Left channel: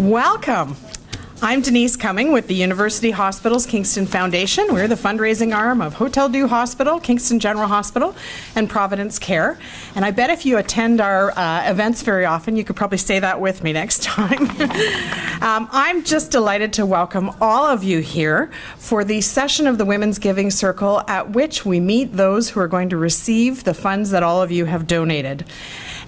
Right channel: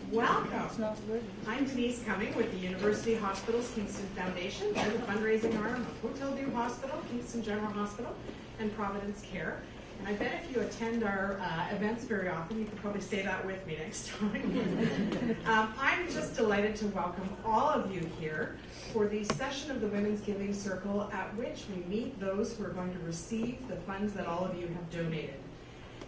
Welcome. I'm Denise Cumming with the University Hospitals Kingston Foundation. We're the fundraising arm of Hotel Dieu Hospital, Kingston General Hospital, and Providence Care. And I bet if you attend our events very often, you could probably say that with me next time. I'm just delighted to welcome all of you here for the session of the Women's Giving Circle, at which we meet those who are going to receive the funds that all of you have donated.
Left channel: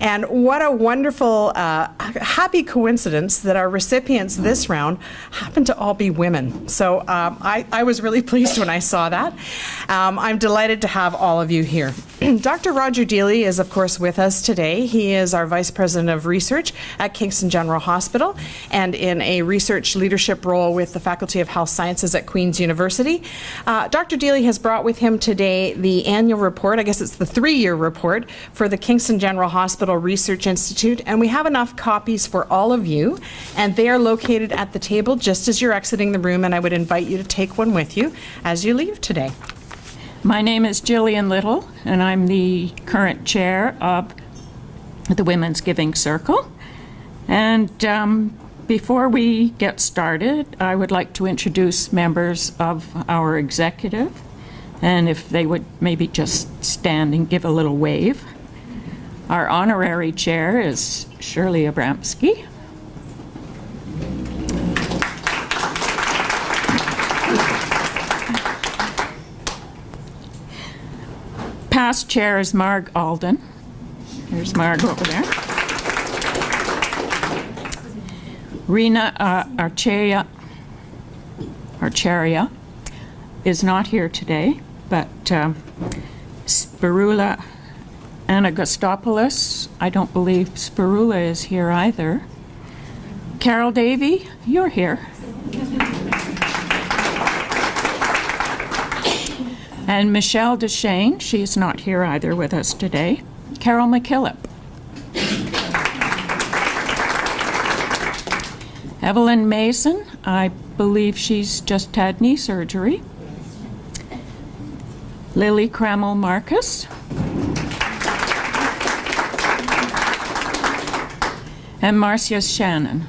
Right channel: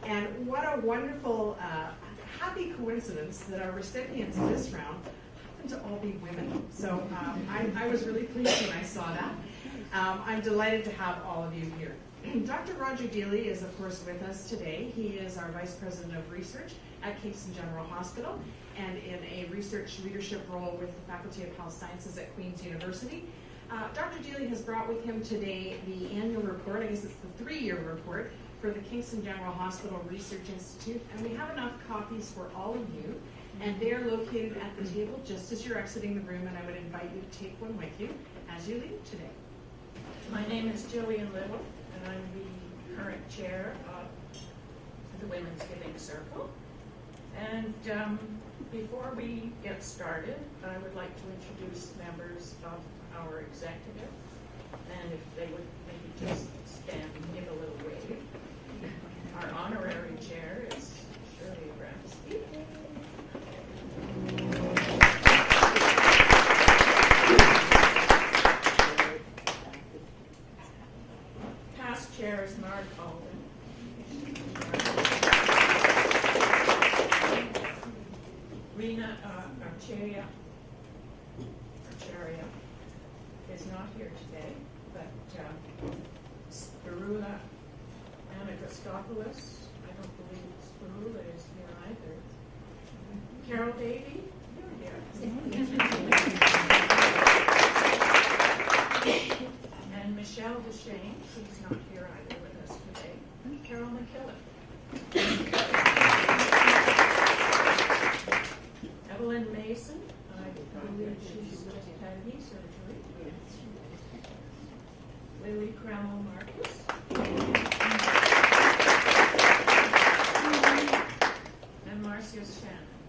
And what a wonderful, happy coincidence that our recipients this round happen to all be women. So I was really pleased when I saw that. I'm delighted to have all of you here. Dr. Roger Deeley is, of course, with us today. He is our Vice President of Research at Kingston General Hospital and in a research leadership role with the Faculty of Health Sciences at Queen's University. Dr. Deeley has brought with him today the annual report, I guess it's the 3-year report, for the Kingston General Hospital Research Institute, and we have enough copies for all of you, and they are located at the table just as you're exiting the room, and I would invite you to take one with you as you leave today. My name is Jillian Little, and I'm the current chair of the Women's Giving Circle. And before we get started, I would like to introduce members of our executive, and if they would maybe just stand and give a little wave. Our honorary chair is Shirley Abramsky. Past chair is Marg Alden. There's Marg over there. Rena Archaria is not here today, but Spirula Anagostopoulos, I don't believe Spirula is here either. Carol Davey, you're here. And Michelle Deshane, she's not here either with us today. Carol McKillop. Evelyn Mason, I believe she's just had knee surgery. Lily Kramil-Marcus. And Marcia Shannon.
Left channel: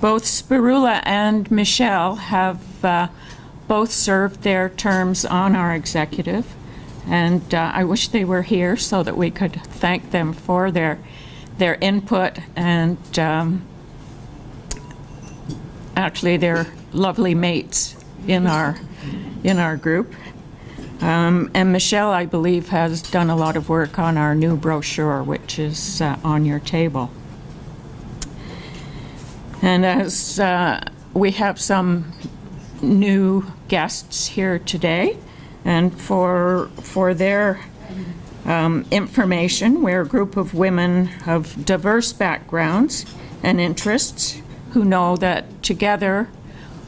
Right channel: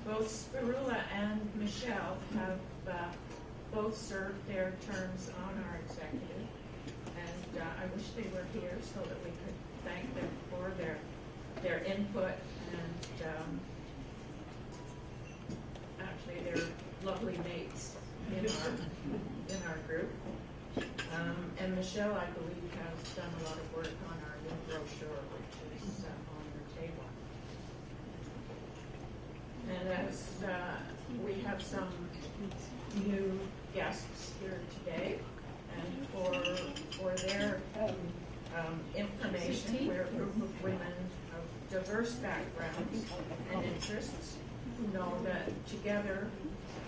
Both Spirula and Michelle have both served their terms on our executive, and I wish they were here so that we could thank them for their input and actually they're lovely mates in our group. And Michelle, I believe, has done a lot of work on our new brochure, which is on your table. And as we have some new guests here today, and for their information, we're a group of women of diverse backgrounds and interests who know that together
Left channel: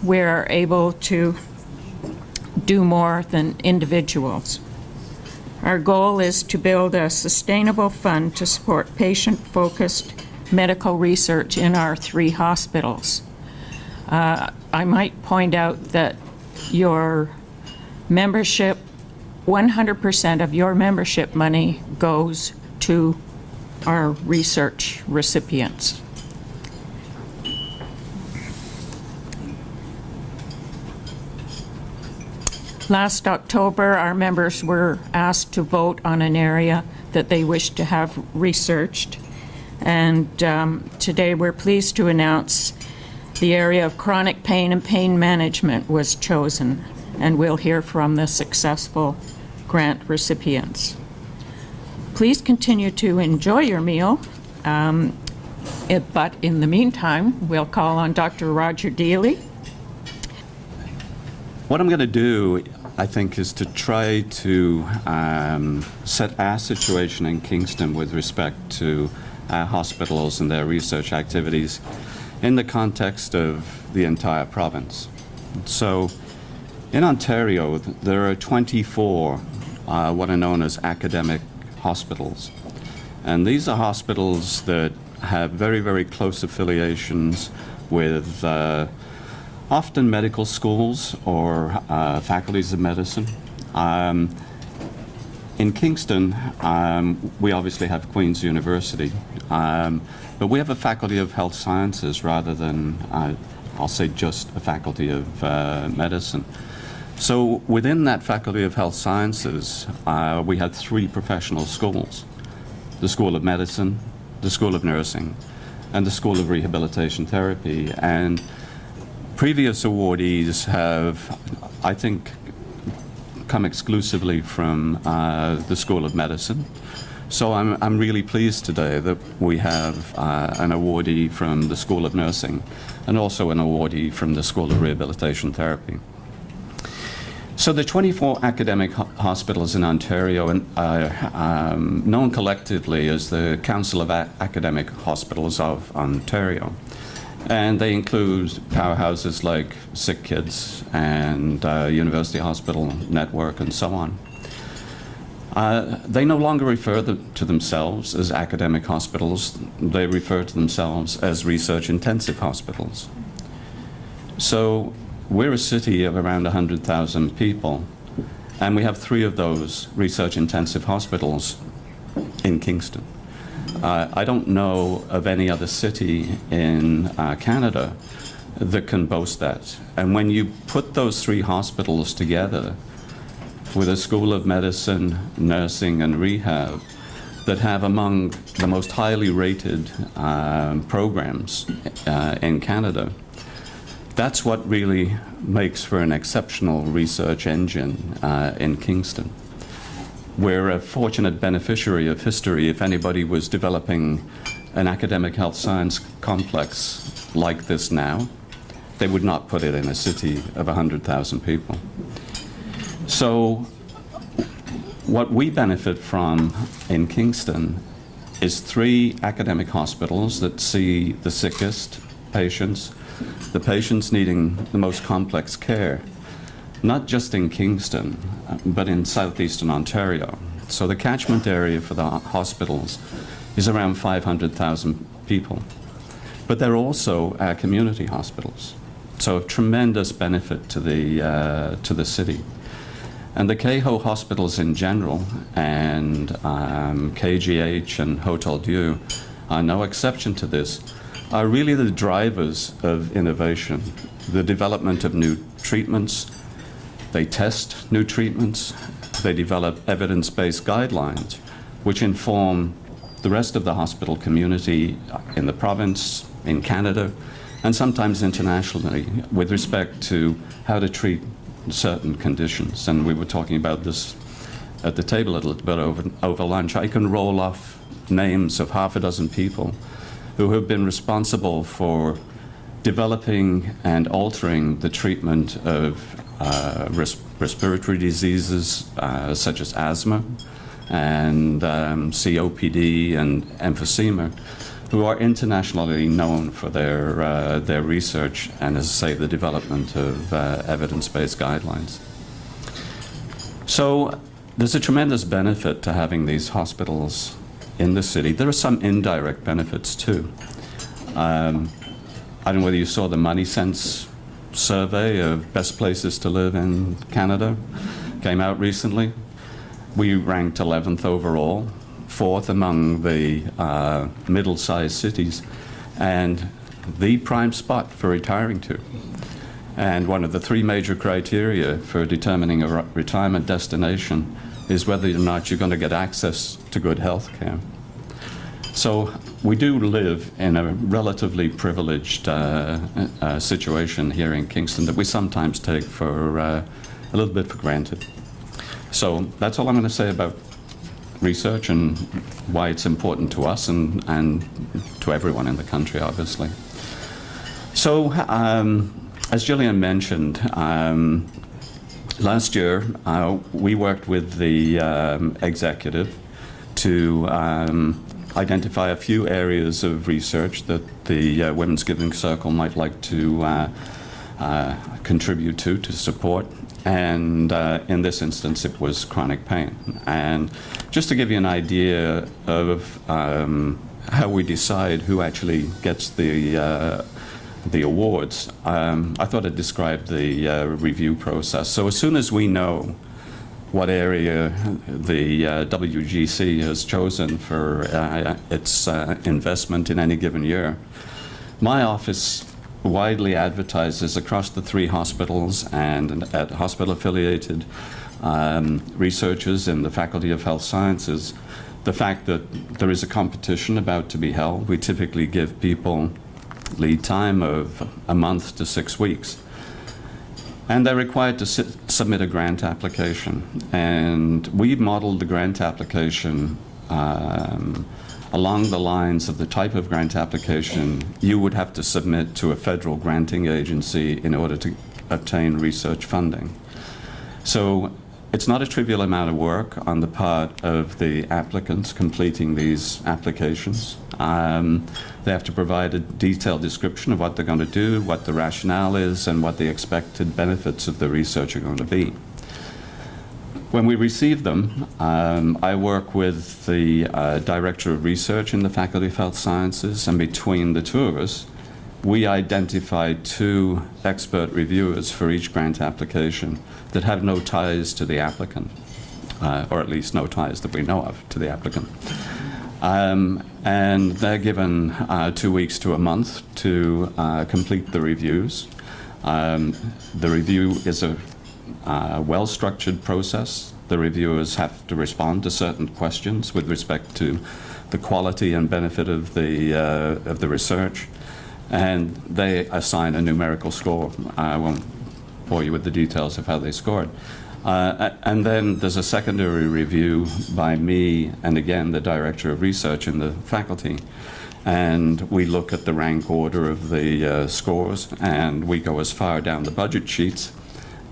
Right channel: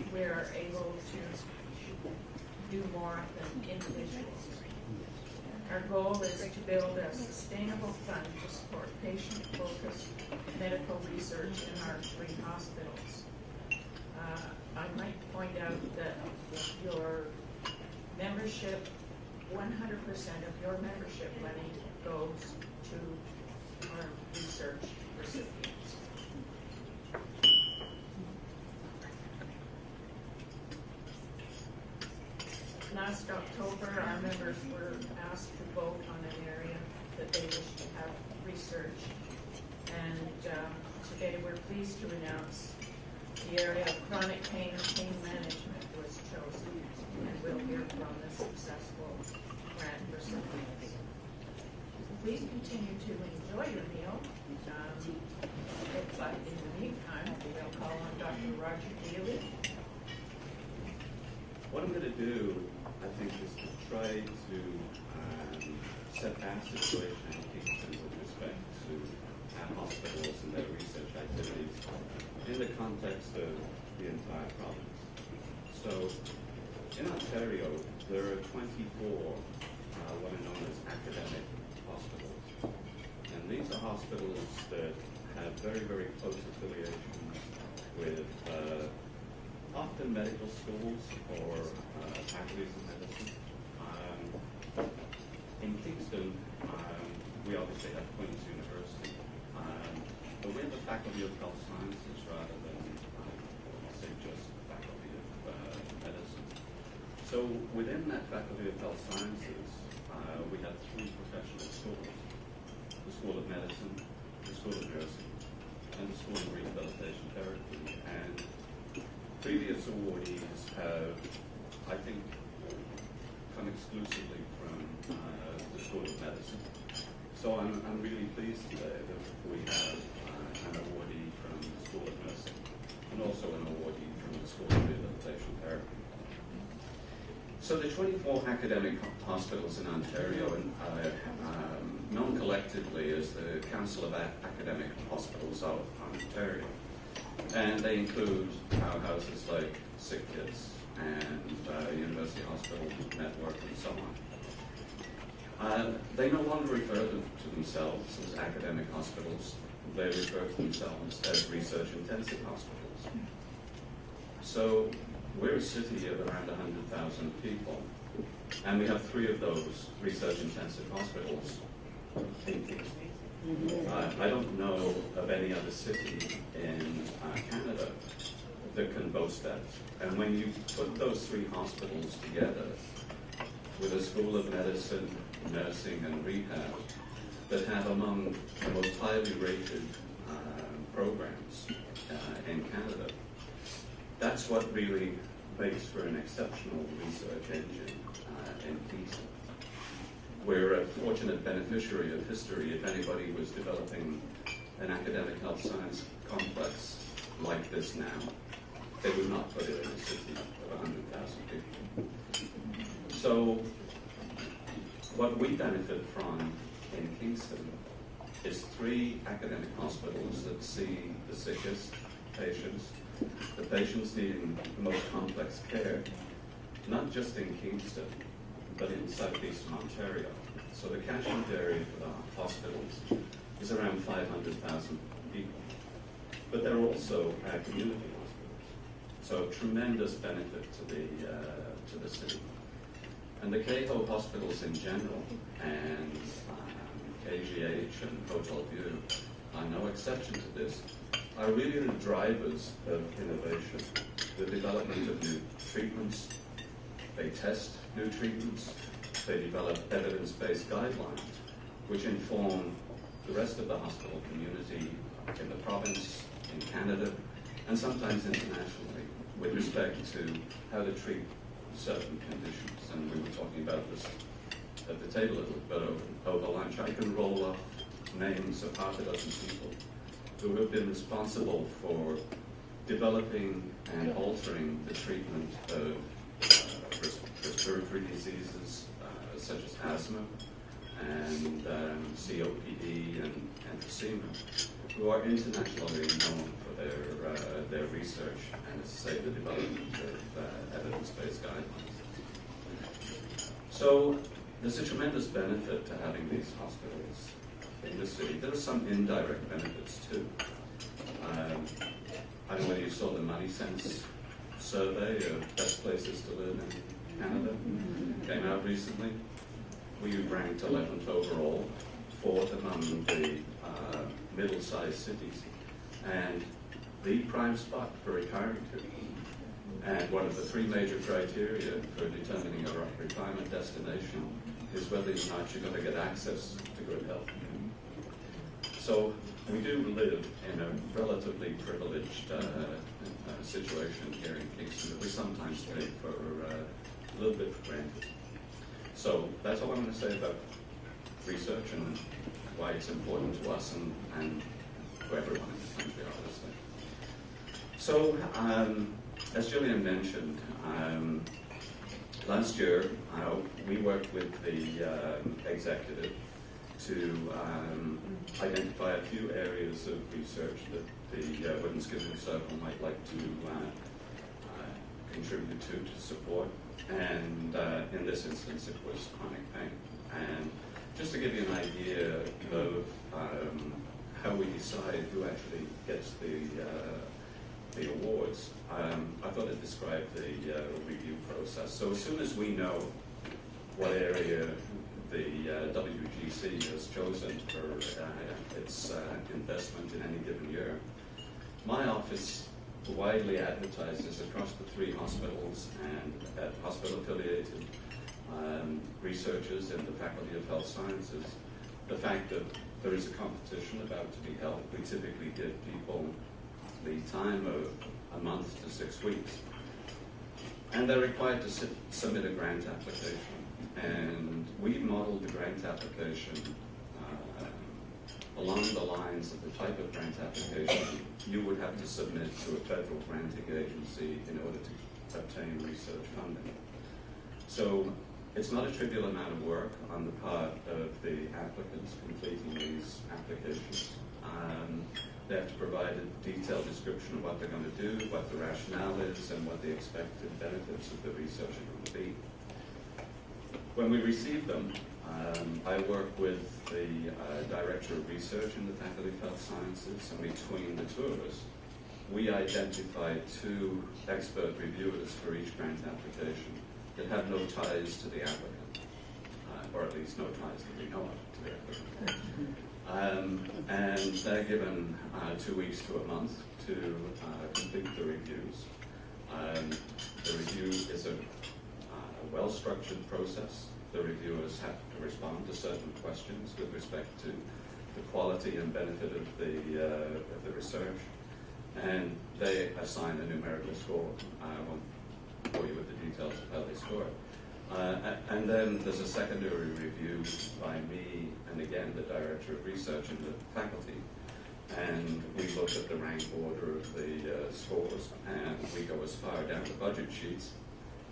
we're able to do more than individuals. Our goal is to build a sustainable fund to support patient-focused medical research in our 3 hospitals. I might point out that your membership, 100% of your membership money goes to our research recipients. Last October, our members were asked to vote on an area that they wished to have researched. And today we're pleased to announce the area of chronic pain and pain management was chosen, and we'll hear from the successful grant recipients. Please continue to enjoy your meal, but in the meantime, we'll call on Dr. Roger Deeley. What I'm going to do, I think, is to try to set our situation in Kingston with respect to our hospitals and their research activities in the context of the entire province. So in Ontario, there are 24 what are known as academic hospitals. And these are hospitals that have very, very close affiliations with often medical schools or faculties of medicine. in Kingston, we obviously have Queen's University, but we have a Faculty of Health Sciences rather than, I'll say, just a Faculty of Medicine. So within that Faculty of Health Sciences, we had 3 professional schools: the School of Medicine, the School of Nursing, and the School of Rehabilitation Therapy. And previous awardees have, I think, come exclusively from the School of Medicine. So I'm really pleased today that we have an awardee from the School of Nursing and also an awardee from the School of Rehabilitation Therapy. So the 24 academic hospitals in Ontario are known collectively as the Council of Academic Hospitals of Ontario. And they include powerhouses like Sick Kids and University Hospital Network and so on. They no longer refer to themselves as academic hospitals. They refer to themselves as research-intensive hospitals. So we're a city of around 100,000 people, and we have 3 of those research-intensive hospitals in Kingston. I don't know of any other city in Canada that can boast that. And when you put those 3 hospitals together with a School of Medicine, Nursing, and Rehab that have among the most highly rated programs in Canada, that's what really makes for an exceptional research engine in Kingston. We're a fortunate beneficiary of history. If anybody was developing an academic health science complex like this now, they would not put it in a city of 100,000 people. So what we benefit from in Kingston is 3 academic hospitals that see the sickest patients, the patients needing the most complex care, not just in Kingston, but in southeastern Ontario. So the catchment area for the hospitals is around 500,000 people. But they're also community hospitals, so of tremendous benefit to the city. And the KHO hospitals in general, and KGH and Hotel Dieu are no exception to this, are really the drivers of innovation, the development of new treatments. They test new treatments, they develop evidence-based guidelines, which inform the rest of the hospital community in the province, in Canada, and sometimes internationally with respect to how to treat certain conditions. And we were talking about this at the table a little bit over lunch. I can roll off names of half a dozen people who have been responsible for developing and altering the treatment of respiratory diseases such as asthma and COPD and emphysema, who are internationally known for their research and, as I say, the development of evidence-based guidelines. So there's a tremendous benefit to having these hospitals in the city. There are some indirect benefits too. I don't know whether you saw the Money Sense survey of best places to live in Canada, came out recently. We ranked 11th overall, 4th among the middle-sized cities, and the prime spot for retiring to. And one of the 3 major criteria for determining a retirement destination is whether or not you're going to get access to good health care. So we do live in a relatively privileged situation here in Kingston that we sometimes take for a little bit for granted. So that's all I'm going to say about research and why it's important to us and to everyone in the country, obviously. So as Gillian mentioned, last year we worked with the executive to identify a few areas of research that the Women's Giving Circle might like to contribute to support. And in this instance, it was chronic pain. And just to give you an idea of how we decide who actually gets the awards, I thought I'd describe the review process. So as soon as we know what area the WGC has chosen for its investment in any given year. My office widely advertises across the 3 hospitals and at hospital-affiliated researchers in the Faculty of Health Sciences the fact that there is a competition about to be held. We typically give people lead time of a month to 6 weeks. And they're required to submit a grant application. And we modeled the grant application along the lines of the type of grant application you would have to submit to a federal granting agency in order to obtain research funding. So it's not a trivial amount of work on the part of the applicants completing these applications. They have to provide a detailed description of what they're going to do, what the rationale is, and what the expected benefits of the research are going to be. When we receive them, I work with the Director of Research in the Faculty of Health Sciences, and between the 2 of us, we identify 2 expert reviewers for each grant application that have no ties to the applicant, or at least no ties that we know of to the applicant. And they're given 2 weeks to a month to complete the reviews. The review is a well-structured process. The reviewers have to respond to certain questions with respect to the quality and benefit of the research, and they assign a numerical score. I won't bore you with the details of how they scored. And then there's a secondary review by me and again the Director of Research in the faculty, and we look at the rank order of the scores, and we go as far down the budget sheets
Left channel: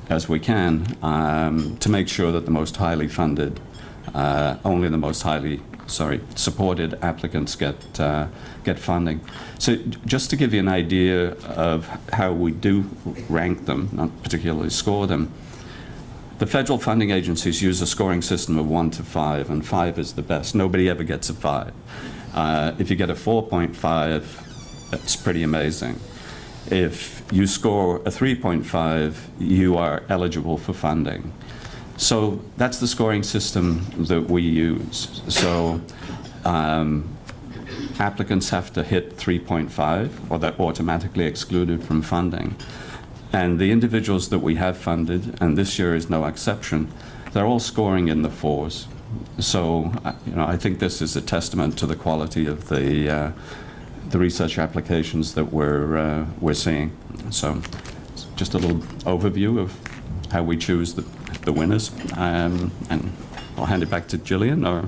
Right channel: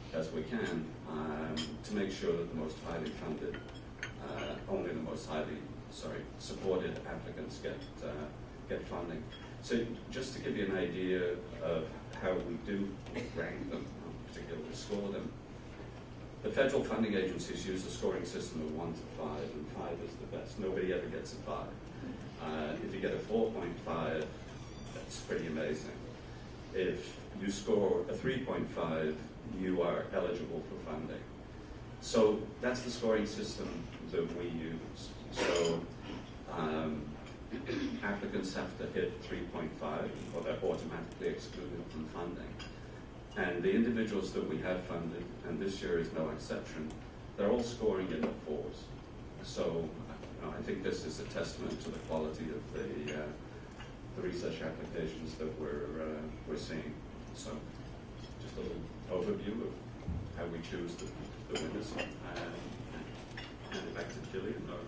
as we can to make sure that the most highly funded, only the most highly supported applicants get funding. So just to give you an idea of how we do rank them, not particularly score them, the federal funding agencies use a scoring system of 1 to 5, and 5 is the best. Nobody ever gets a 5. If you get a 4.5, that's pretty amazing. If you score a 3.5, you are eligible for funding. So that's the scoring system that we use. So applicants have to hit 3.5, or they're automatically excluded from funding. And the individuals that we have funded, and this year is no exception, they're all scoring in the 4s. So I think this is a testament to the quality of the research applications that we're seeing. So just a little overview of how we choose the winners, and I'll hand it back to Gillian. Or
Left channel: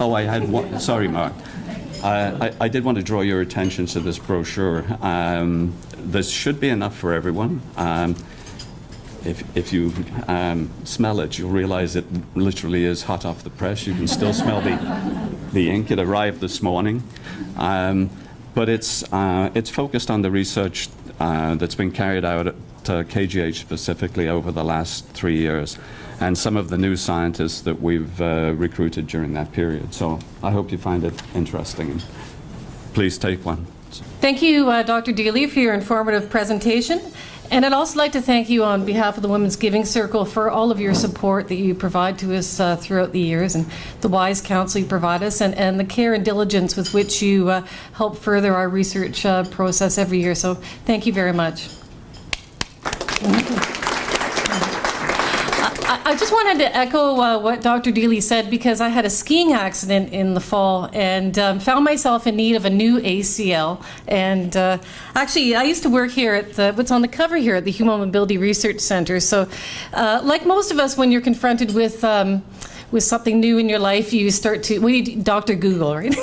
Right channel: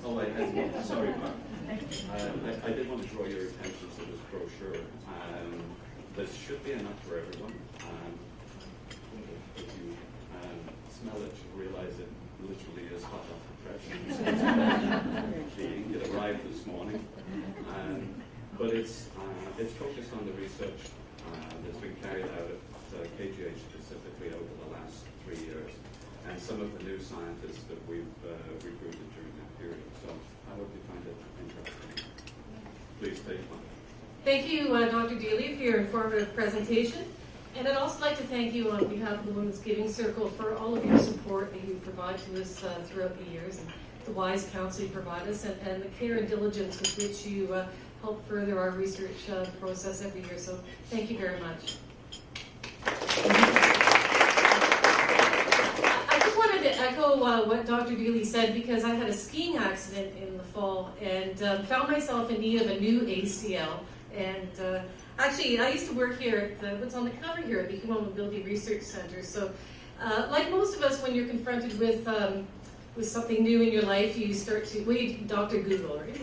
oh, I had one. Sorry, Mark. I did want to draw your attention to this brochure. This should be enough for everyone. If you smell it, you'll realize it literally is hot off the press. You can still smell the ink. It arrived this morning. But it's focused on the research that's been carried out at KGH specifically over the last 3 years, and some of the new scientists that we've recruited during that period. So I hope you find it interesting. Please take one. Thank you, Dr. Deeley, for your informative presentation. And I'd also like to thank you on behalf of the Women's Giving Circle for all of your support that you provide to us throughout the years, and the wise counsel you provide us, and the care and diligence with which you help further our research process every year. So thank you very much. I just wanted to echo what Dr. Deeley said, because I had a skiing accident in the fall and found myself in need of a new ACL. And actually, I used to work here at what's on the cover here at the Human Mobility Research Center. So like most of us, when you're confronted with something new in your life, you start to, Dr. Google, right?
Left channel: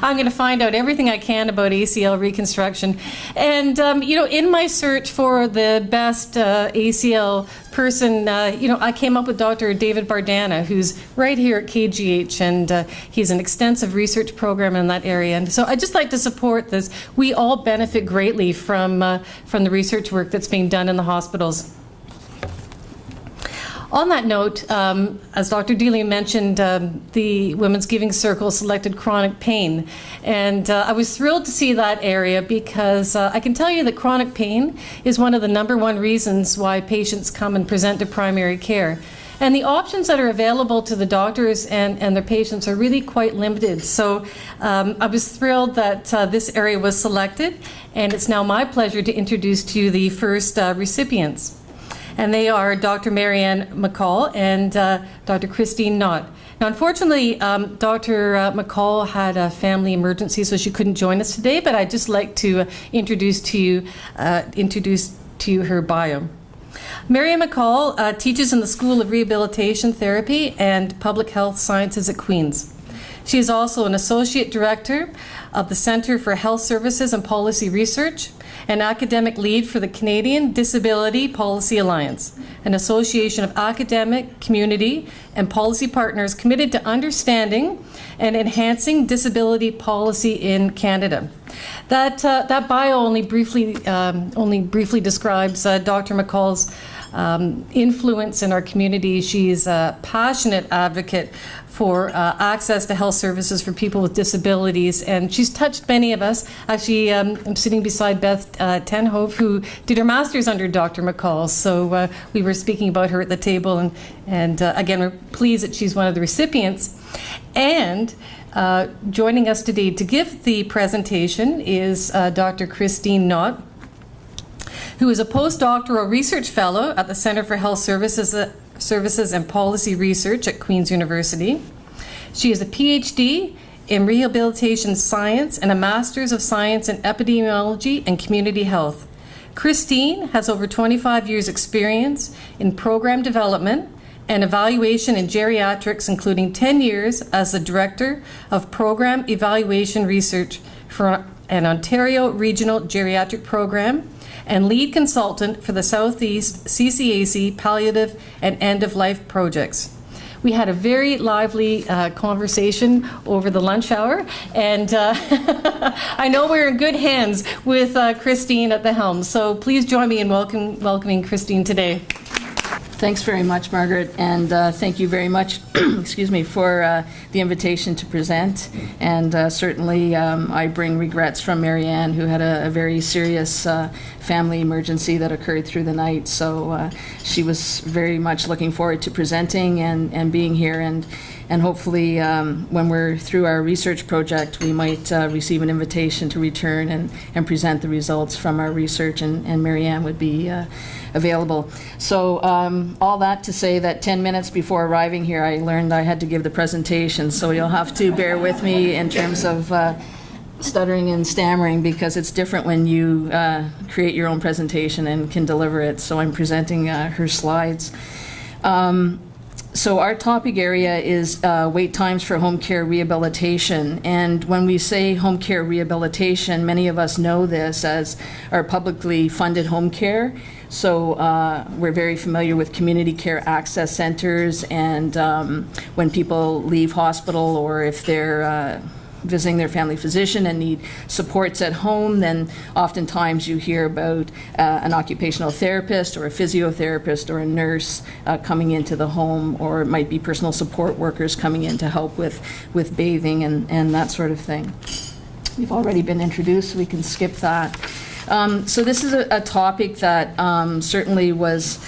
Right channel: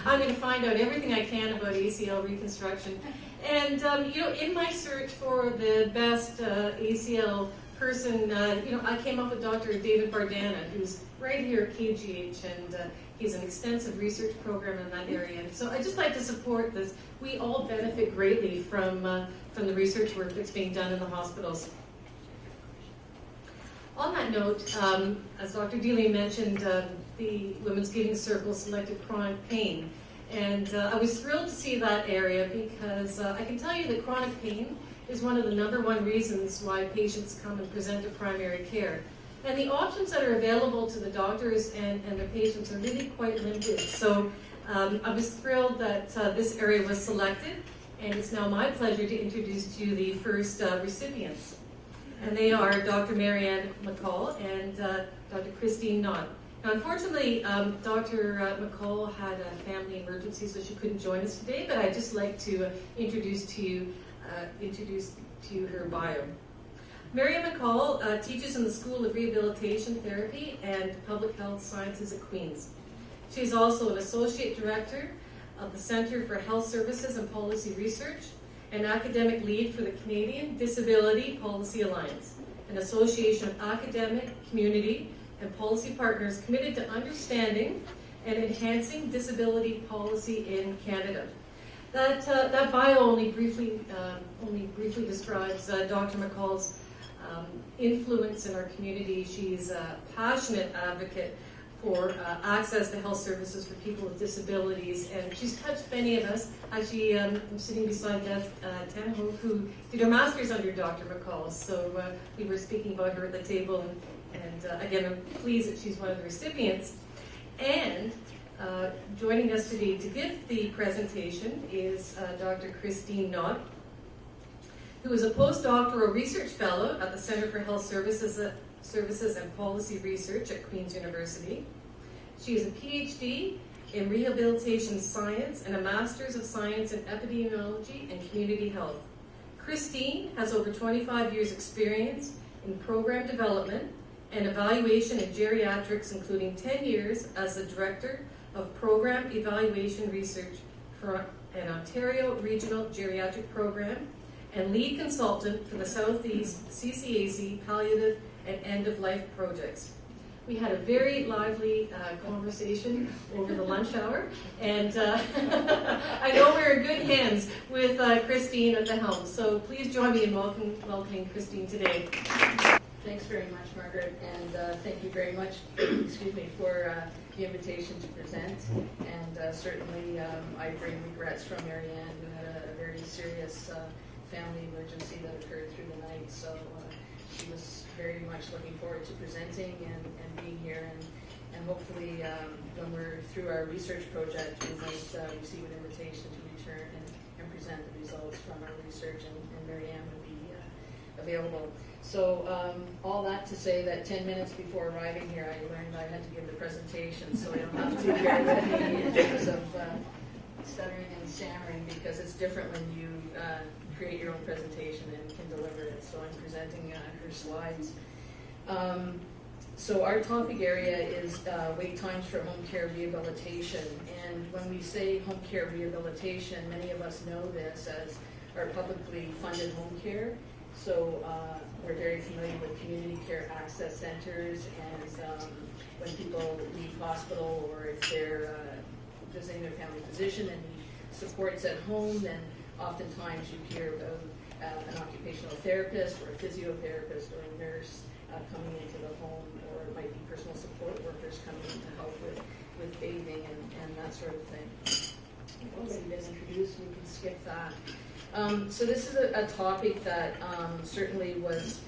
I'm going to find out everything I can about ACL reconstruction. And, in my search for the best ACL person, I came up with Dr. David Bardana, who's right here at KGH, and he's an extensive research program in that area. And so I'd just like to support this. We all benefit greatly from the research work that's being done in the hospitals. On that note, as Dr. Deeley mentioned, the Women's Giving Circle selected chronic pain. And I was thrilled to see that area because I can tell you that chronic pain is one of the #1 reasons why patients come and present to primary care. And the options that are available to the doctors and their patients are really quite limited. So I was thrilled that this area was selected, and it's now my pleasure to introduce to you the first recipients. And they are Dr. Mary Ann McColl and Dr. Christine Knott. Now, unfortunately, Dr. McColl had a family emergency, so she couldn't join us today, but I'd just like to introduce to you her bio. Mary Ann McColl teaches in the School of Rehabilitation Therapy and Public Health Sciences at Queen's. She is also an Associate Director of the Centre for Health Services and Policy Research, an academic lead for the Canadian Disability Policy Alliance, an association of academic, community, and policy partners committed to understanding and enhancing disability policy in Canada. That bio only briefly describes Dr. McColl's influence in our community. She's a passionate advocate for access to health services for people with disabilities, and she's touched many of us. Actually, I'm sitting beside Beth Tenhove, who did her master's under Dr. McColl, so we were speaking about her at the table, and again, we're pleased that she's one of the recipients. And joining us today to give the presentation is Dr. Christine Knott, who is a postdoctoral research fellow at the Centre for Health Services and Policy Research at Queen's University. She is a PhD in Rehabilitation Science and a Master's of Science in Epidemiology and Community Health. Christine has over 25 years' experience in program development and evaluation in geriatrics, including 10 years as the Director of Program Evaluation Research for an Ontario Regional Geriatric Program and lead consultant for the Southeast CCAC palliative and end-of-life projects. We had a very lively conversation over the lunch hour, and I know we're in good hands with Christine at the helm. So please join me in welcoming Christine today. Thanks very much, Margaret, and thank you very much excuse me, for the invitation to present. And certainly I bring regrets from Mary Ann, who had a very serious family emergency that occurred through the night. So she was very much looking forward to presenting and being here. And hopefully when we're through our research project, we might receive an invitation to return and present the results from our research, and Mary Ann would be available. So all that to say that 10 minutes before arriving here, I learned I had to give the presentation, so you'll have to bear with me in terms of stuttering and stammering, because it's different when you create your own presentation and can deliver it. So I'm presenting her slides. So our topic area is wait times for home care rehabilitation. And when we say home care rehabilitation, many of us know this as our publicly funded home care. So we're very familiar with community care access centers, and when people leave hospital, or if they're visiting their family physician and need supports at home, then oftentimes you hear about an occupational therapist or a physiotherapist or a nurse coming into the home, or it might be personal support workers coming in to help with bathing and that sort of thing. You've already been introduced, so we can skip that. So this is a topic that certainly was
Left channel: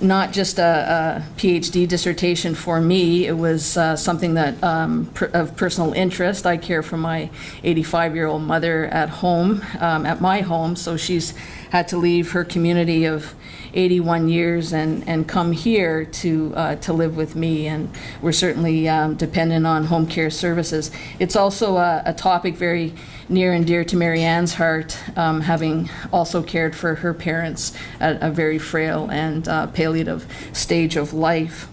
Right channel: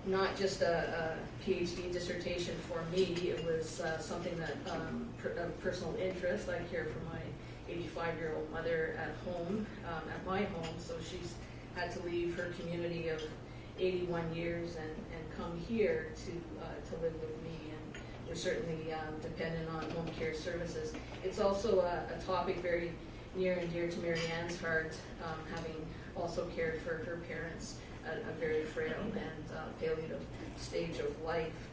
not just a PhD dissertation for me. It was something that of personal interest. I care for my 85-year-old mother at home, at my home, so she's had to leave her community of 81 years and come here to live with me, and we're certainly dependent on home care services. It's also a topic very near and dear to Mary Ann's heart, having also cared for her parents at a very frail and palliative stage of life.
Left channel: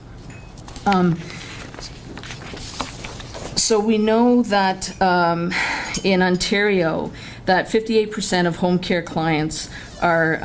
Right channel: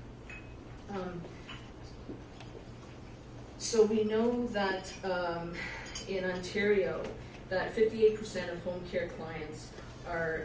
So we know that in Ontario, that 58% of home care clients are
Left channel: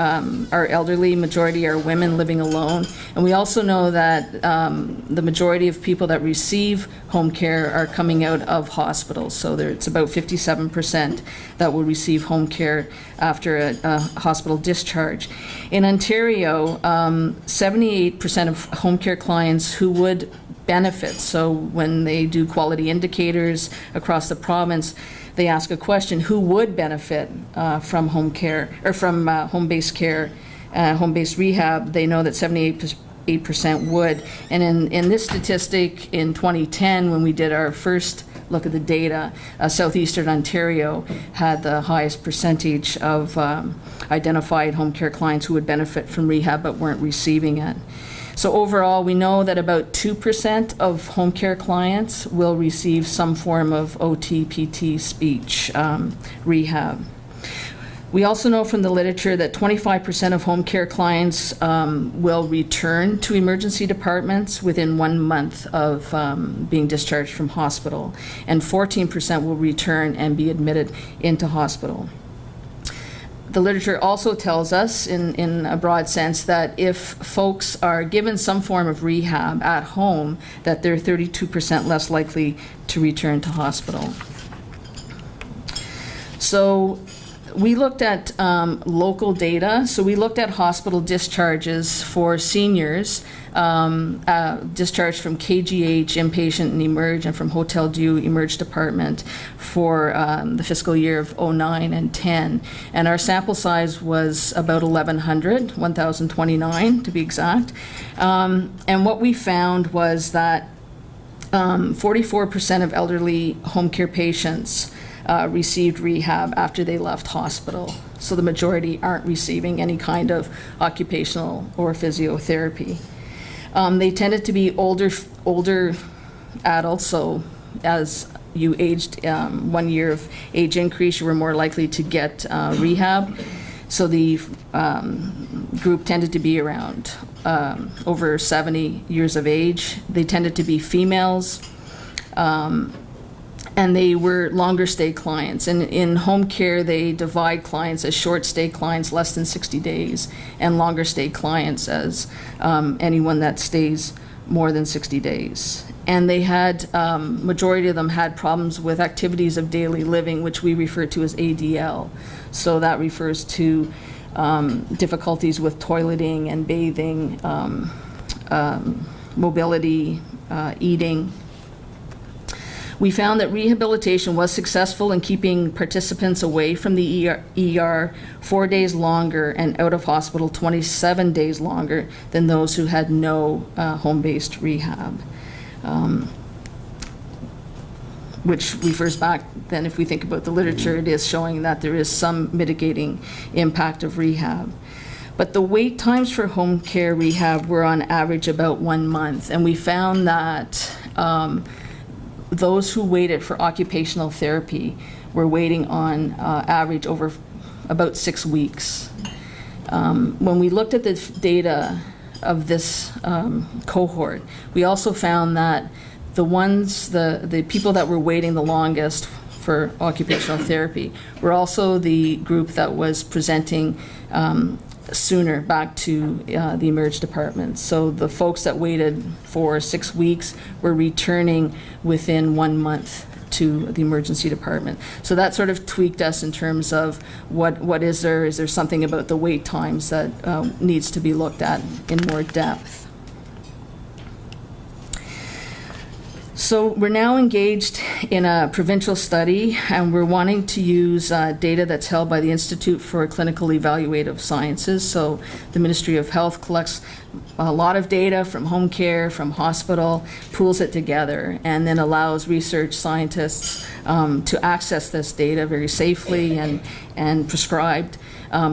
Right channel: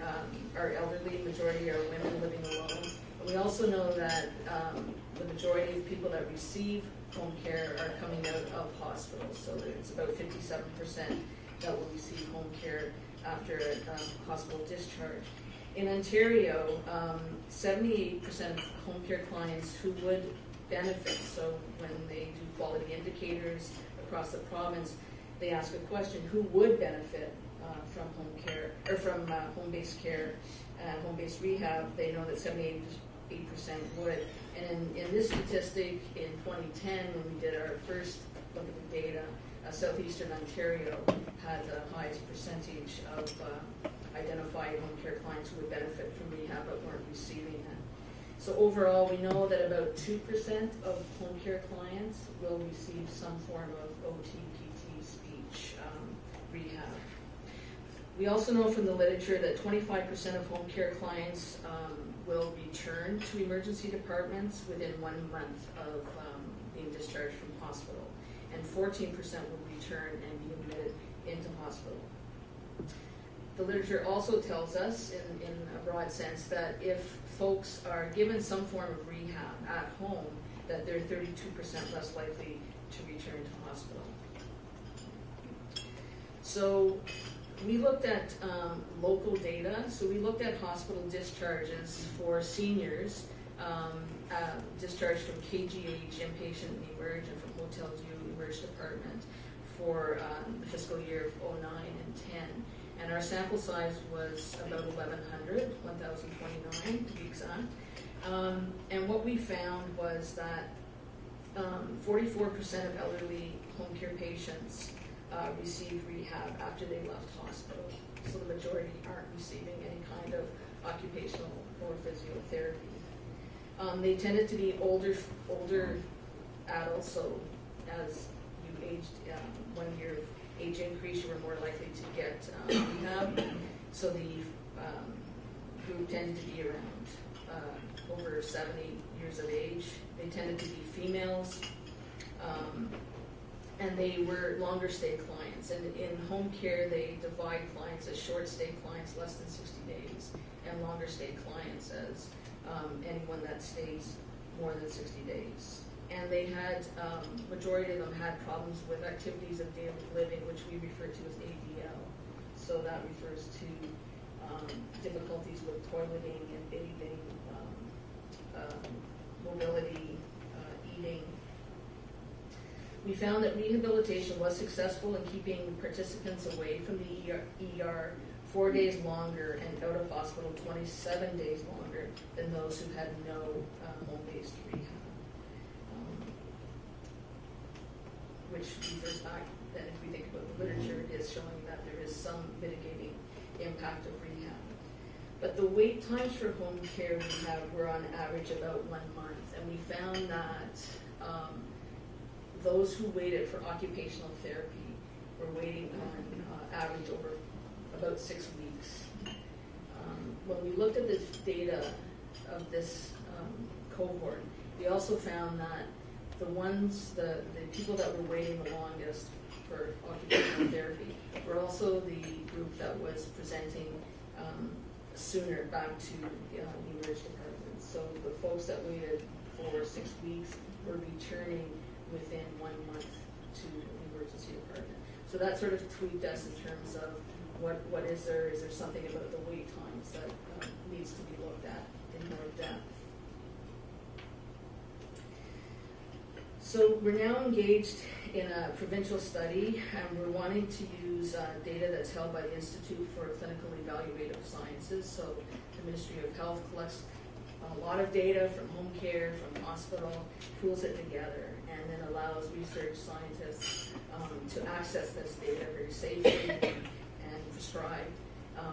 elderly, majority are women living alone. And we also know that the majority of people that receive home care are coming out of hospitals. So it's about 57% that will receive home care after a hospital discharge. In Ontario, 78% of home care clients who would benefit, so when they do quality indicators across the province, they ask a question, who would benefit from home care, or from home-based care, home-based rehab? They know that 78% would. And in this statistic in 2010, when we did our first look at the data, southeastern Ontario had the highest percentage of identified home care clients who would benefit from rehab but weren't receiving it. So overall, we know that about 2% of home care clients will receive some form of OT, PT, speech, rehab. We also know from the literature that 25% of home care clients will return to emergency departments within 1 month of being discharged from hospital, and 14% will return and be admitted into hospital. The literature also tells us, in a broad sense, that if folks are given some form of rehab at home, that they're 32% less likely to return to hospital. So we looked at local data. So we looked at hospital discharges for seniors, discharged from KGH, inpatient and emerge, and from Hotel Dieu, emerge department for the fiscal year of 09 and 10. And our sample size was about 1,029 to be exact. And what we found was that 44% of elderly home care patients received rehab after they left hospital. So the majority aren't receiving any kind of occupational or physiotherapy. They tended to be older adults, so as you aged 1 year of age increase, you were more likely to get rehab. So the group tended to be around over 70 years of age. They tended to be females. And they were longer stay clients. And in home care, they divide clients as short stay clients, less than 60 days, and longer stay clients as anyone that stays more than 60 days. And they had, majority of them had problems with activities of daily living, which we refer to as ADL. So that refers to difficulties with toileting and bathing, mobility, eating. We found that rehabilitation was successful in keeping participants away from the ER 4 days longer and out of hospital 27 days longer than those who had no home-based rehab, which refers back then, if we think about the literature, it is showing that there is some mitigating impact of rehab. But the wait times for home care rehab were on average about 1 month, and we found that those who waited for occupational therapy were waiting on average over about 6 weeks. When we looked at the data of this cohort, we also found that the people that were waiting the longest for occupational therapy were also the group that was presenting sooner back to the emerge department. So the folks that waited for 6 weeks were returning within 1 month to the emergency department. So that sort of tweaked us in terms of what is there something about the wait times that needs to be looked at in more depth. So we're now engaged in a provincial study, and we're wanting to use data that's held by the Institute for Clinical Evaluative Sciences. So the Ministry of Health collects a lot of data from home care, from hospital, pools it together, and then allows research scientists to access this data very safely and prescribed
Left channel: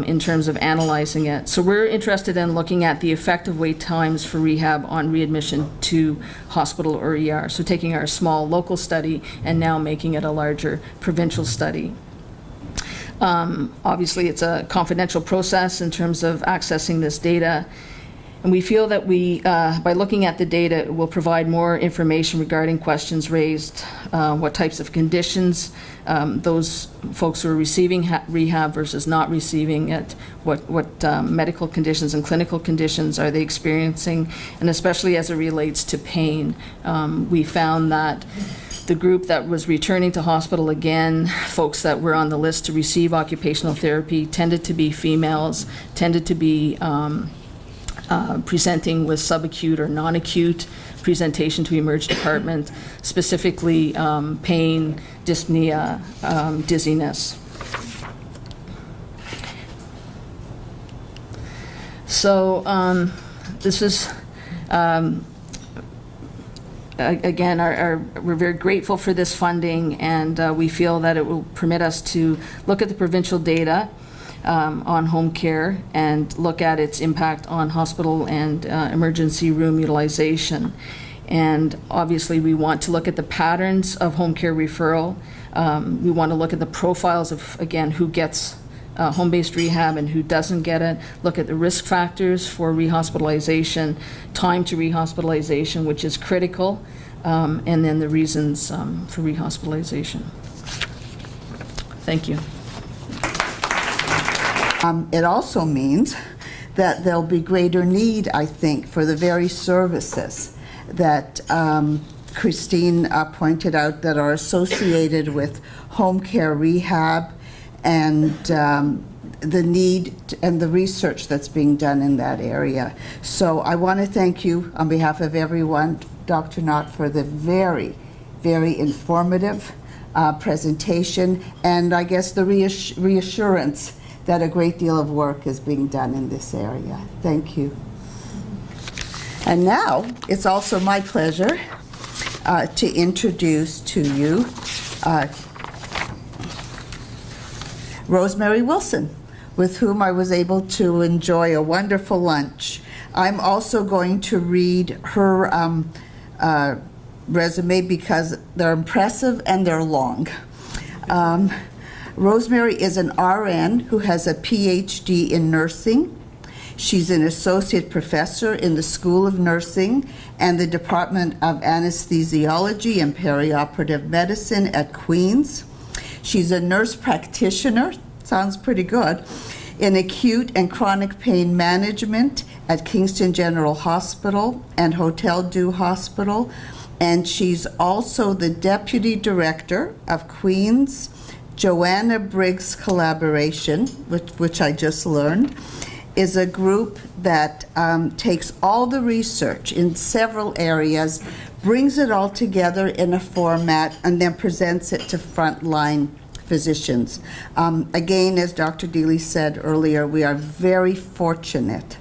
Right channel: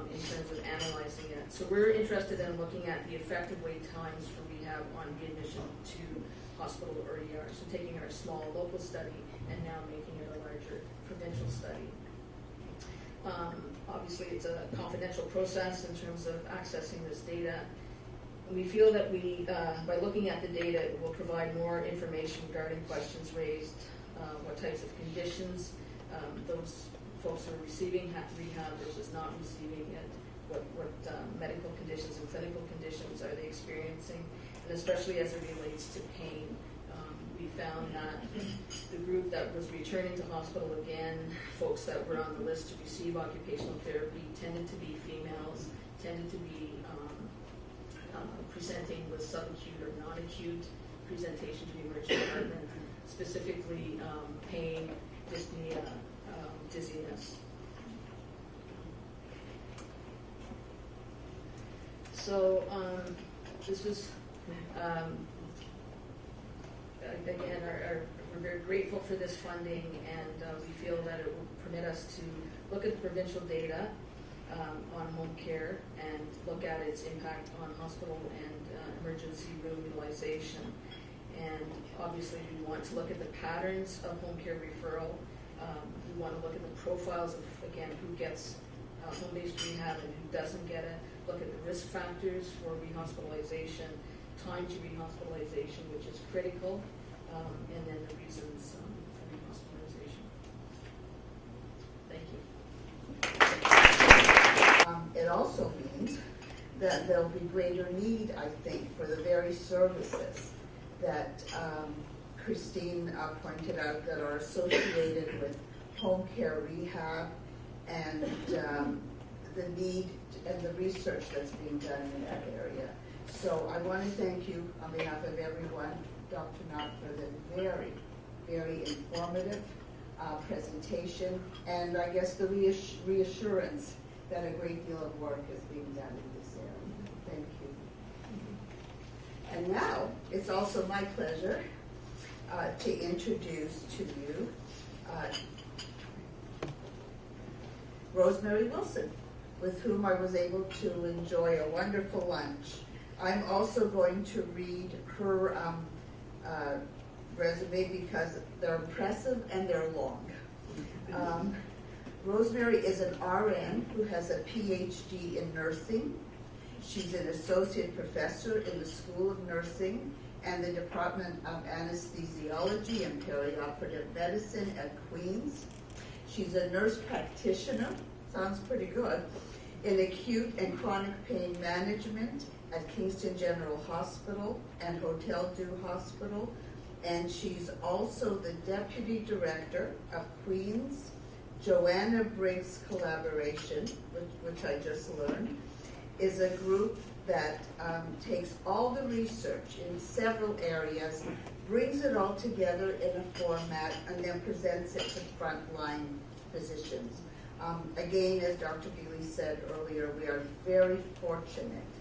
in terms of analyzing it. So we're interested in looking at the effective wait times for rehab on readmission to hospital or ER. So taking our small local study and now making it a larger provincial study. Obviously, it's a confidential process in terms of accessing this data. And we feel that by looking at the data, it will provide more information regarding questions raised, what types of conditions those folks who are receiving rehab versus not receiving it, what medical conditions and clinical conditions are they experiencing, and especially as it relates to pain. We found that the group that was returning to hospital again, folks that were on the list to receive occupational therapy, tended to be females, tended to be presenting with subacute or non-acute presentation to emerge department, specifically pain, dyspnea, dizziness. So this is, again, we're very grateful for this funding, and we feel that it will permit us to look at the provincial data on home care and look at its impact on hospital and emergency room utilization. And obviously we want to look at the patterns of home care referral. We want to look at the profiles of, again, who gets home-based rehab and who doesn't get it, look at the risk factors for rehospitalization, time to rehospitalization, which is critical, and then the reasons for rehospitalization. Thank you. It also means that there'll be greater need, I think, for the very services that Christine pointed out that are associated with home care rehab and the need and the research that's being done in that area. So I want to thank you on behalf of everyone, Dr. Knott, for the very, very informative presentation, and I guess the reassurance that a great deal of work is being done in this area. Thank you. And now, it's also my pleasure to introduce to you Rosemary Wilson, with whom I was able to enjoy a wonderful lunch. I'm also going to read her resume because they're impressive and they're long. Rosemary is an RN who has a PhD in nursing. She's an associate professor in the School of Nursing and the Department of Anesthesiology and Perioperative Medicine at Queen's. She's a nurse practitioner, sounds pretty good, in acute and chronic pain management at Kingston General Hospital and Hotel Dieu Hospital. And she's also the deputy director of Queen's Joanna Briggs Collaboration, which I just learned, is a group that takes all the research in several areas, brings it all together in a format, and then presents it to frontline physicians. Again, as Dr. Deeley said earlier, we are very fortunate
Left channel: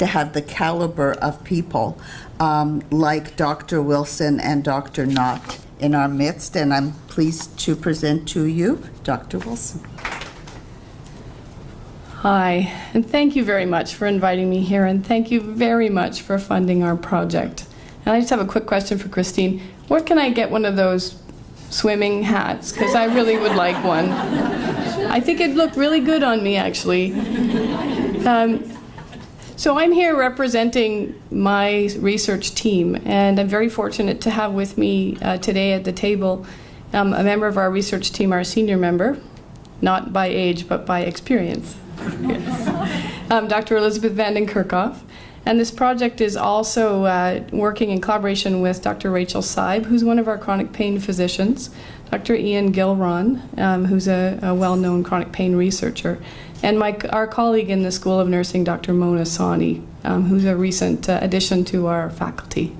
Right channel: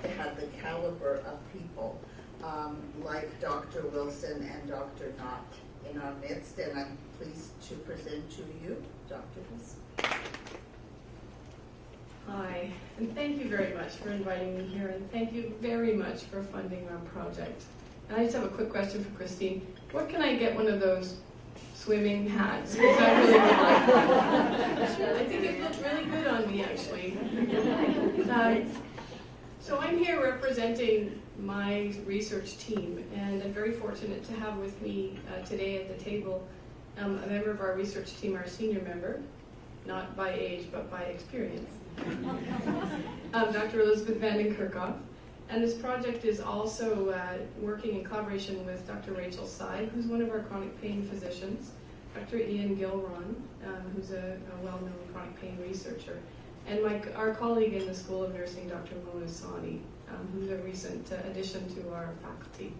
to have the caliber of people like Dr. Wilson and Dr. Knott in our midst, and I'm pleased to present to you Dr. Wilson. Hi, and thank you very much for inviting me here, and thank you very much for funding our project. And I just have a quick question for Christine. Where can I get one of those swimming hats? Because I really would like one. I think it'd look really good on me, actually. So I'm here representing my research team, and I'm very fortunate to have with me today at the table a member of our research team, our senior member, not by age, but by experience. Yes. Dr. Elizabeth Vanden Kerkhoff. And this project is also working in collaboration with Dr. Rachel Seib, who's one of our chronic pain physicians, Dr. Ian Gilron, who's a well-known chronic pain researcher, and our colleague in the School of Nursing, Dr. Mona Sani, who's a recent addition to our faculty.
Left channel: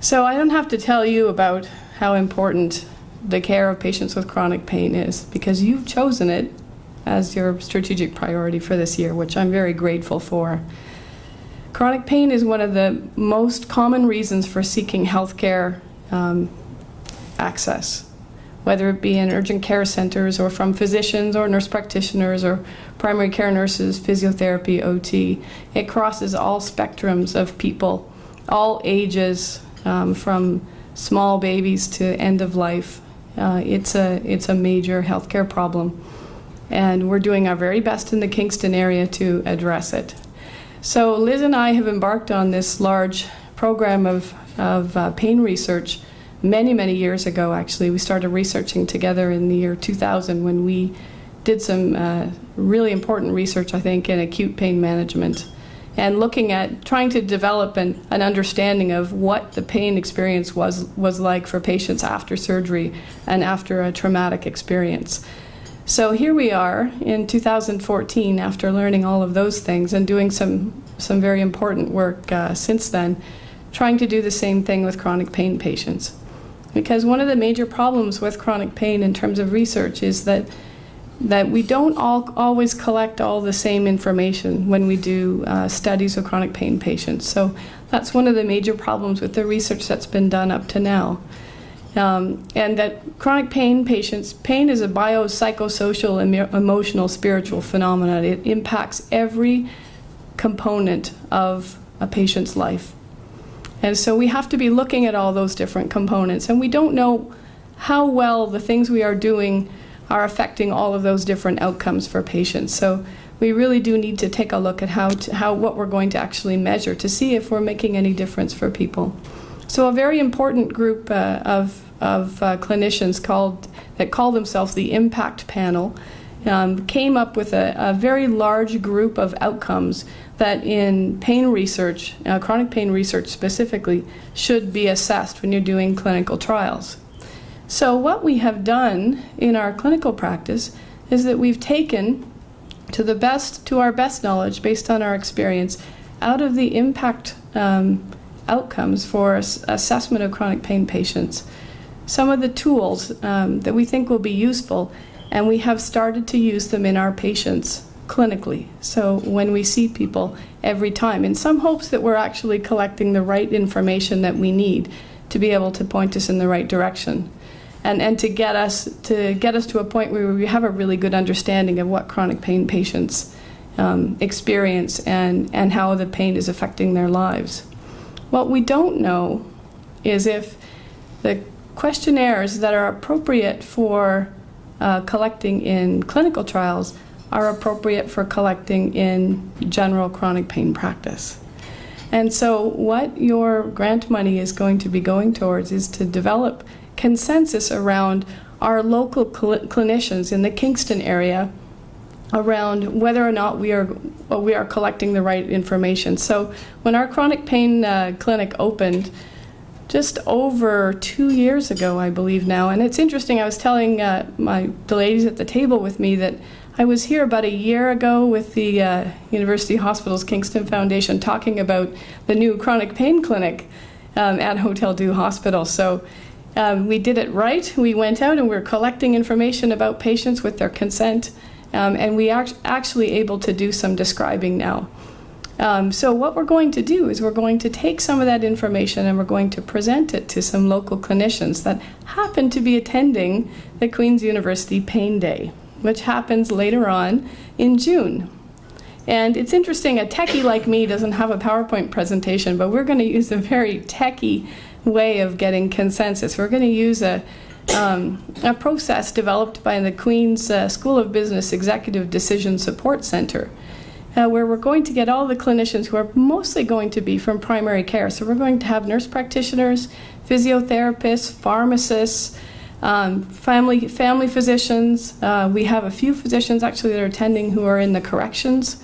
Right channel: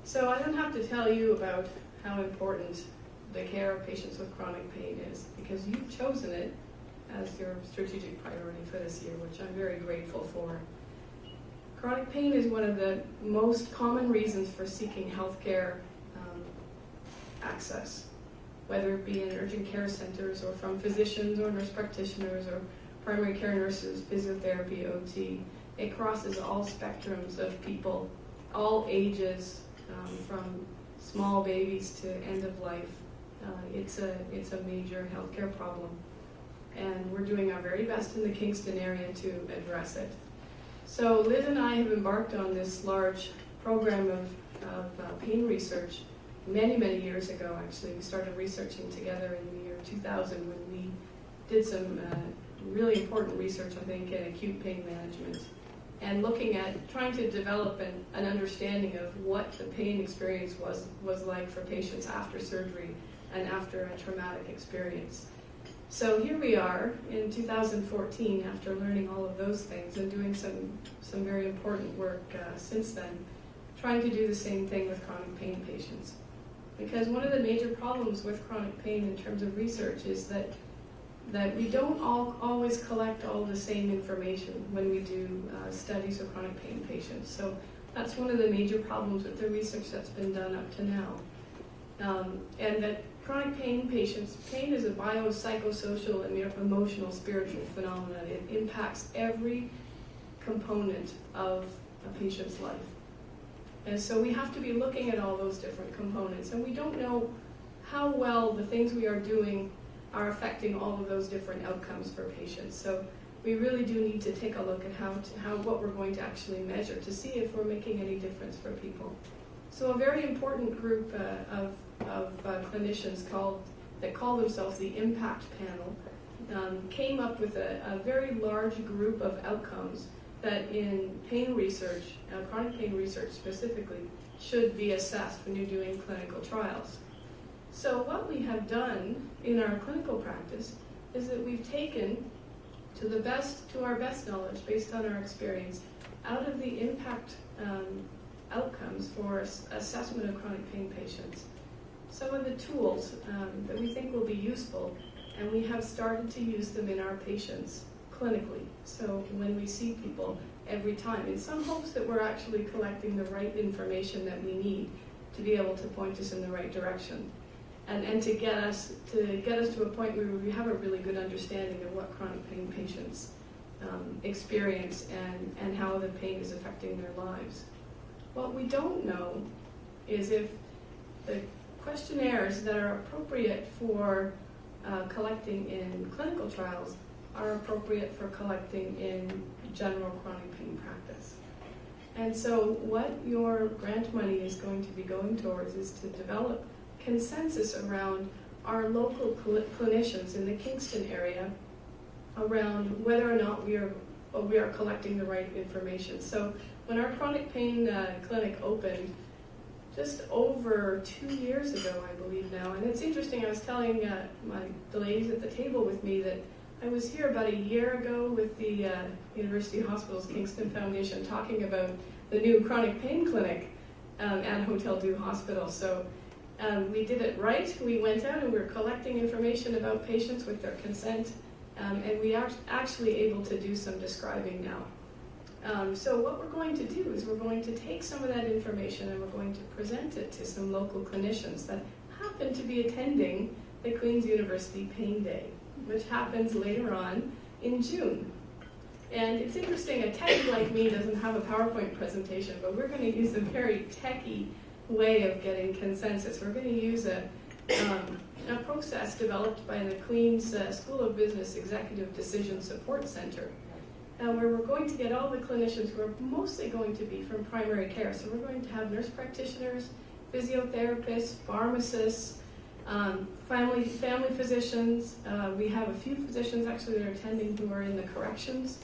So I don't have to tell you about how important the care of patients with chronic pain is, because you've chosen it as your strategic priority for this year, which I'm very grateful for. Chronic pain is one of the most common reasons for seeking healthcare access, whether it be in urgent care centers or from physicians or nurse practitioners or primary care nurses, physiotherapy, OT. It crosses all spectrums of people, all ages, from small babies to end of life. It's a major healthcare problem, and we're doing our very best in the Kingston area to address it. So Liz and I have embarked on this large program of pain research many years ago, actually. We started researching together in the year 2000 when we did some really important research, I think, in acute pain management, and looking at trying to develop an understanding of what the pain experience was like for patients after surgery and after a traumatic experience. So here we are in 2014, after learning all of those things and doing some very important work since then, trying to do the same thing with chronic pain patients. Because one of the major problems with chronic pain in terms of research is that we don't always collect all the same information when we do studies of chronic pain patients. So that's one of the major problems with the research that's been done up to now. And that chronic pain patients, pain is a biopsychosocial, emotional, spiritual phenomenon. It impacts every component of a patient's life. And so we have to be looking at all those different components, and we don't know how well the things we are doing are affecting all of those different outcomes for patients. So we really do need to take a look at what we're going to actually measure to see if we're making any difference for people. So a very important group of clinicians that call themselves the Impact Panel came up with a very large group of outcomes that in pain research, chronic pain research specifically, should be assessed when you're doing clinical trials. So what we have done in our clinical practice is that we've taken, to our best knowledge, based on our experience, out of the impact outcomes for assessment of chronic pain patients, some of the tools that we think will be useful, and we have started to use them in our patients clinically. So when we see people every time, in some hopes that we're actually collecting the right information that we need to be able to point us in the right direction, and to get us to a point where we have a really good understanding of what chronic pain patients experience and how the pain is affecting their lives. What we don't know is if the questionnaires that are appropriate for collecting in clinical trials are appropriate for collecting in general chronic pain practice. And so what your grant money is going to be going towards is to develop consensus around our local clinicians in the Kingston area around whether or not we are collecting the right information. So when our chronic pain clinic opened just over 2 years ago, I believe now, and it's interesting, I was telling the ladies at the table with me that I was here about a year ago with the University Hospitals Kingston Foundation talking about the new chronic pain clinic at Hotel Dieu Hospital. So we did it right. We went out and we were collecting information about patients with their consent, and we are actually able to do some describing now. So what we're going to do is we're going to take some of that information and we're going to present it to some local clinicians that happen to be attending the Queen's University Pain Day, which happens later on in June. And it's interesting, a techie like me doesn't have a PowerPoint presentation, but we're going to use a very techie way of getting consensus. We're going to use a process developed by the Queen's School of Business Executive Decision Support Center, where we're going to get all the clinicians who are mostly going to be from primary care. So we're going to have nurse practitioners, physiotherapists, pharmacists, family physicians. We have a few physicians actually that are attending who are in the corrections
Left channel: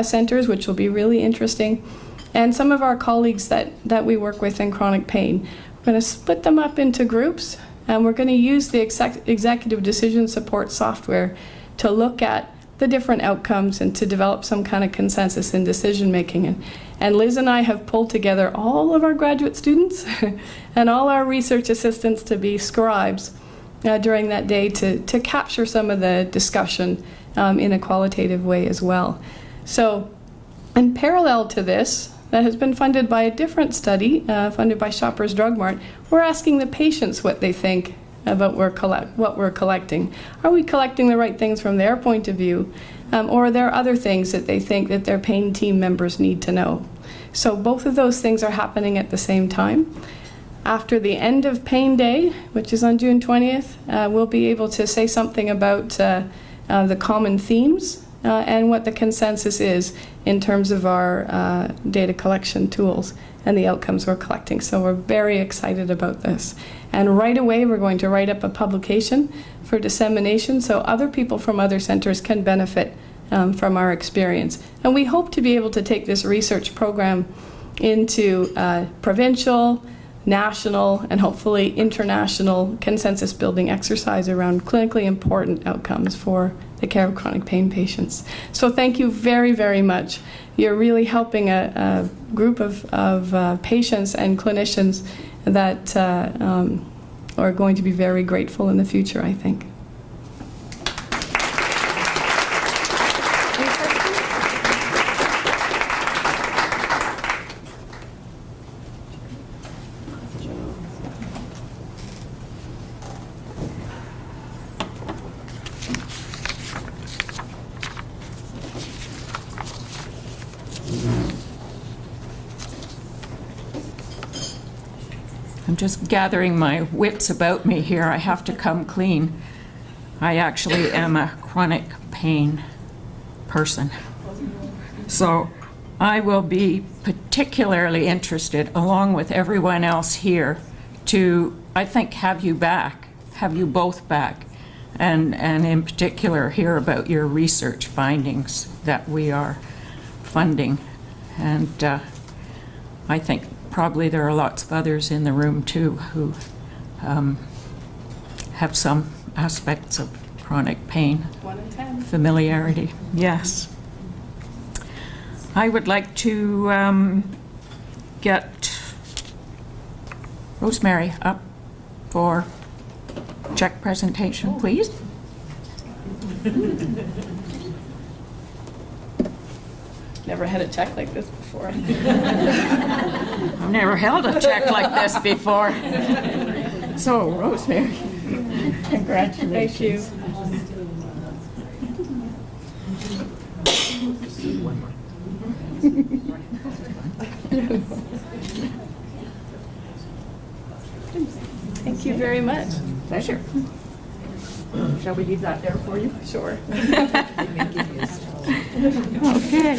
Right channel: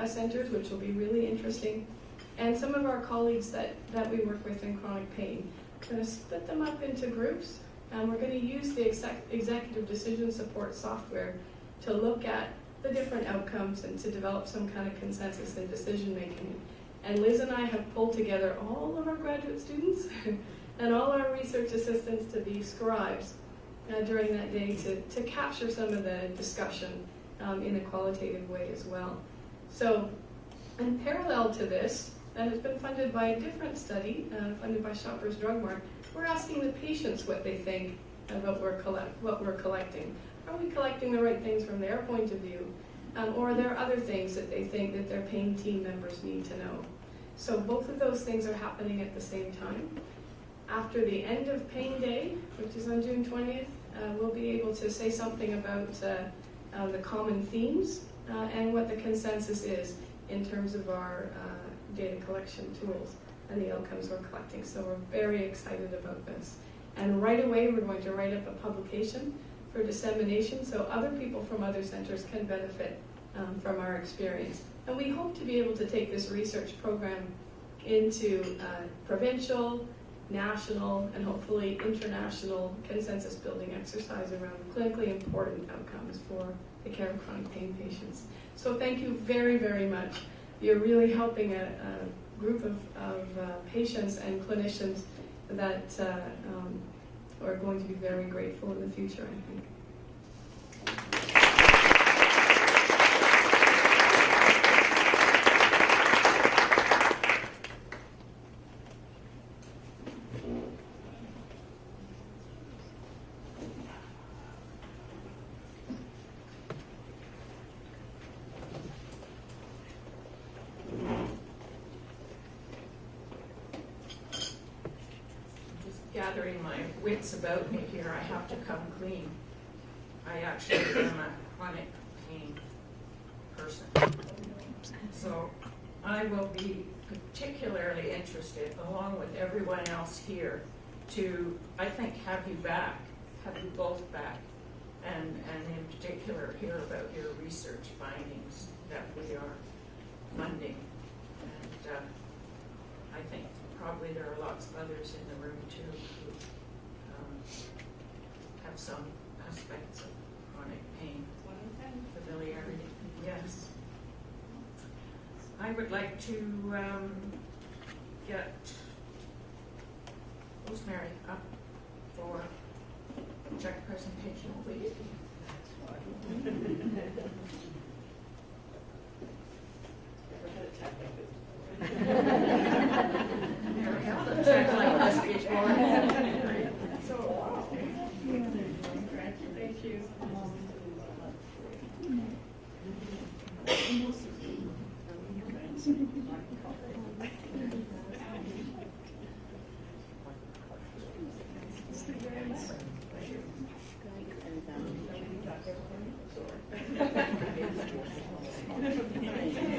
centers, which will be really interesting. And some of our colleagues that we work with in chronic pain. We're going to split them up into groups, and we're going to use the executive decision support software to look at the different outcomes and to develop some kind of consensus in decision making. And Liz and I have pulled together all of our graduate students and all our research assistants to be scribes during that day to capture some of the discussion in a qualitative way as well. So in parallel to this, that has been funded by a different study, funded by Shoppers Drug Mart, we're asking the patients what they think about what we're collecting. Are we collecting the right things from their point of view? Or are there other things that they think that their pain team members need to know? So both of those things are happening at the same time. After the end of Pain Day, which is on June 20th, we'll be able to say something about the common themes and what the consensus is in terms of our data collection tools and the outcomes we're collecting. So we're very excited about this. And right away, we're going to write up a publication for dissemination so other people from other centers can benefit from our experience. And we hope to be able to take this research program into provincial, national, and hopefully international consensus building exercise around clinically important outcomes for the care of chronic pain patients. So thank you very, very much. You're really helping a group of patients and clinicians that are going to be very grateful in the future, I think. I'm just gathering my wits about me here. I have to come clean. I actually am a chronic pain person. So I will be particularly interested, along with everyone else here, to, I think, have you both back, and in particular hear about your research findings that we are funding. And I think probably there are lots of others in the room too who have some aspects of chronic pain. 1 in 10. Familiarity, yes. I would like to get Rosemary up for check presentation, please. Never had a check like this before. I've never held a check like this before. So, Rosemary, congratulations. Thank you. Thank you very much. Pleasure. Shall we leave that there for you? Sure. Okay.